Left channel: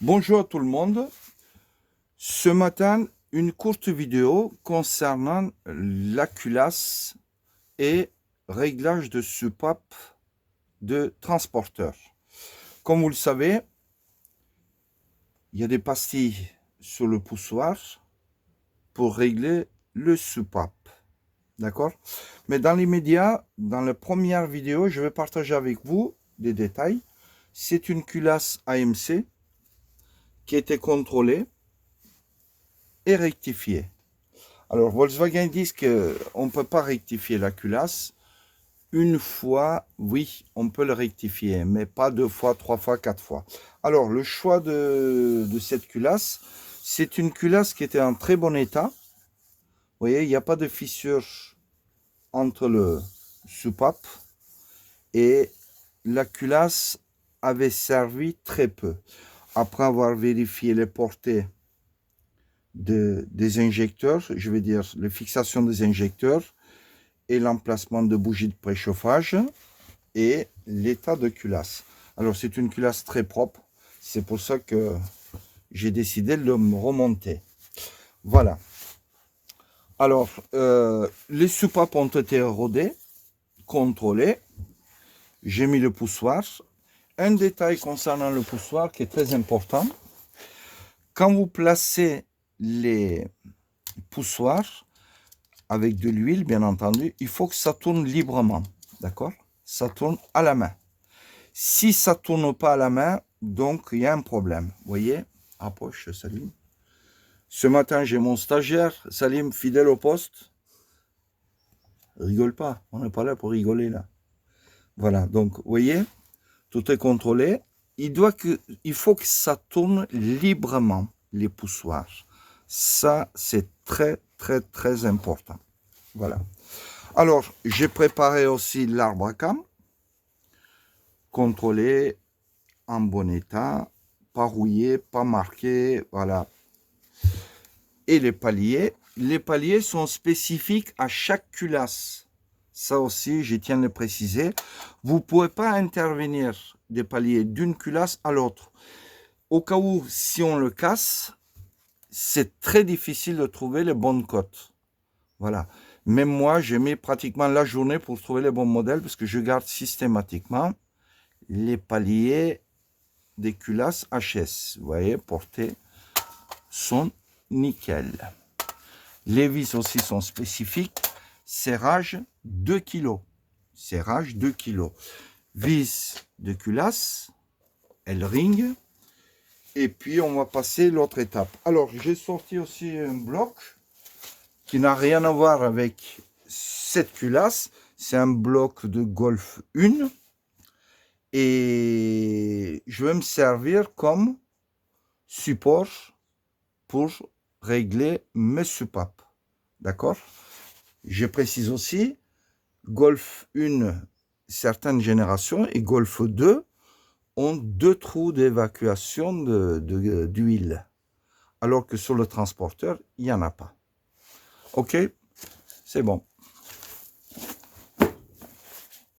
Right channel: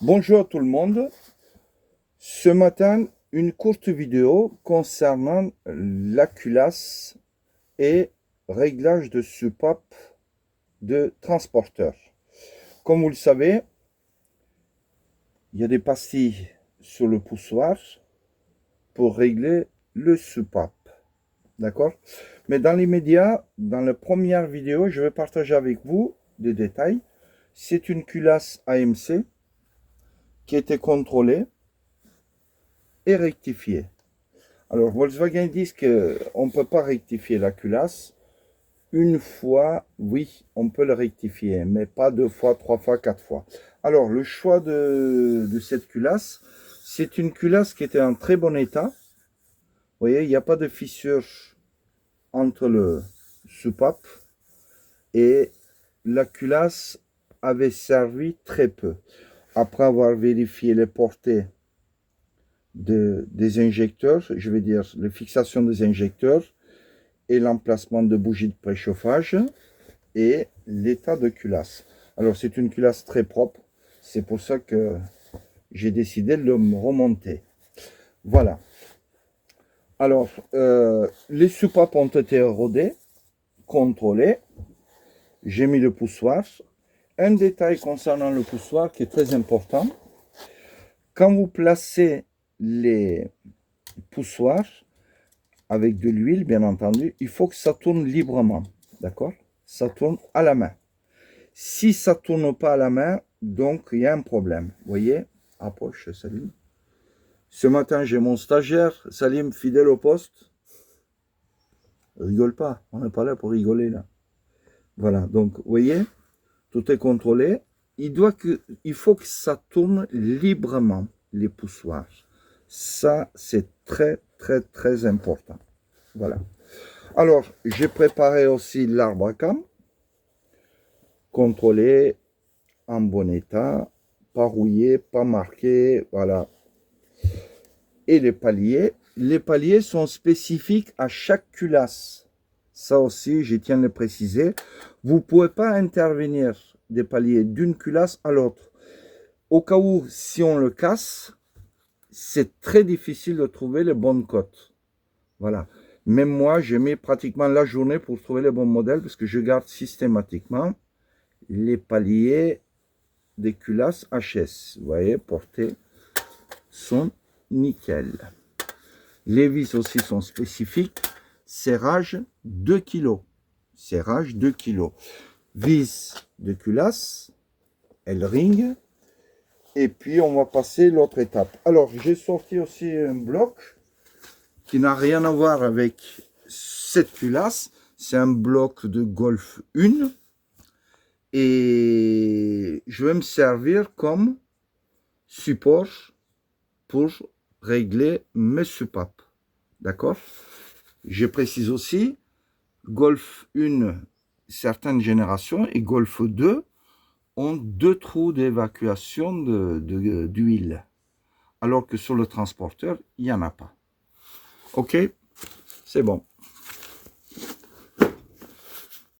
Bonjour à tout le monde. Ce matin, une courte vidéo concernant la culasse et réglage de soupape de transporteur. Comme vous le savez, il y a des pastilles sur le poussoir pour régler le soupape. D'accord? Mais dans l'immédiat, dans la première vidéo, je vais partager avec vous des détails. C'est une culasse AMC qui a été contrôlée et rectifiée. Alors, Volkswagen dit qu'on ne peut pas rectifier la culasse. Une fois, oui, on peut le rectifier, mais pas deux fois, trois fois, quatre fois. Alors, le choix de cette culasse, c'est une culasse qui était en très bon état. Vous voyez, il n'y a pas de fissure entre le soupape et la culasse avait servi très peu. Après avoir vérifié les portées des injecteurs, je veux dire les fixations des injecteurs, et l'emplacement de bougies de préchauffage et l'état de culasse. Alors c'est une culasse très propre, c'est pour ça que j'ai décidé de le remonter. Voilà. Alors les soupapes ont été rodées, contrôlées. J'ai mis le poussoir. Un détail concernant le poussoir qui est très important. Quand vous placez les poussoirs, avec de l'huile, bien entendu, il faut que ça tourne librement. D'accord? Ça tourne à la main. Si ça ne tourne pas à la main, donc il y a un problème. Vous voyez? Approche, Salim. Ce matin, j'ai mon stagiaire, Salim, fidèle au poste. Rigole pas, on n'est pas là pour rigoler là. Voilà, donc vous voyez, tout est contrôlé. Il faut que ça tourne librement, les poussoirs. Ça, c'est très, très, très important. Voilà. Alors, j'ai préparé aussi l'arbre à cam, contrôlé, en bon état, pas rouillé, pas marqué, voilà. Et les paliers sont spécifiques à chaque culasse. Ça aussi, je tiens à le préciser. Vous ne pouvez pas intervenir des paliers d'une culasse à l'autre. Au cas où, si on le casse, c'est très difficile de trouver les bonnes cotes. Voilà. Même moi, j'ai mis pratiquement la journée pour trouver les bons modèles parce que je garde systématiquement les paliers des culasses HS. Vous voyez, portées sont nickel. Les vis aussi sont spécifiques. Serrage 2 kg. Serrage 2 kg. Vis de culasse, L-ring. Et puis, on va passer l'autre étape. Alors, j'ai sorti aussi un bloc qui n'a rien à voir avec cette culasse. C'est un bloc de Golf 1. Et je vais me servir comme support pour régler mes soupapes. D'accord? Je précise aussi, Golf 1, certaines générations, et Golf 2 ont 2 trous d'évacuation d'huile. Alors que sur le transporteur, il n'y en a pas. Ok? C'est bon.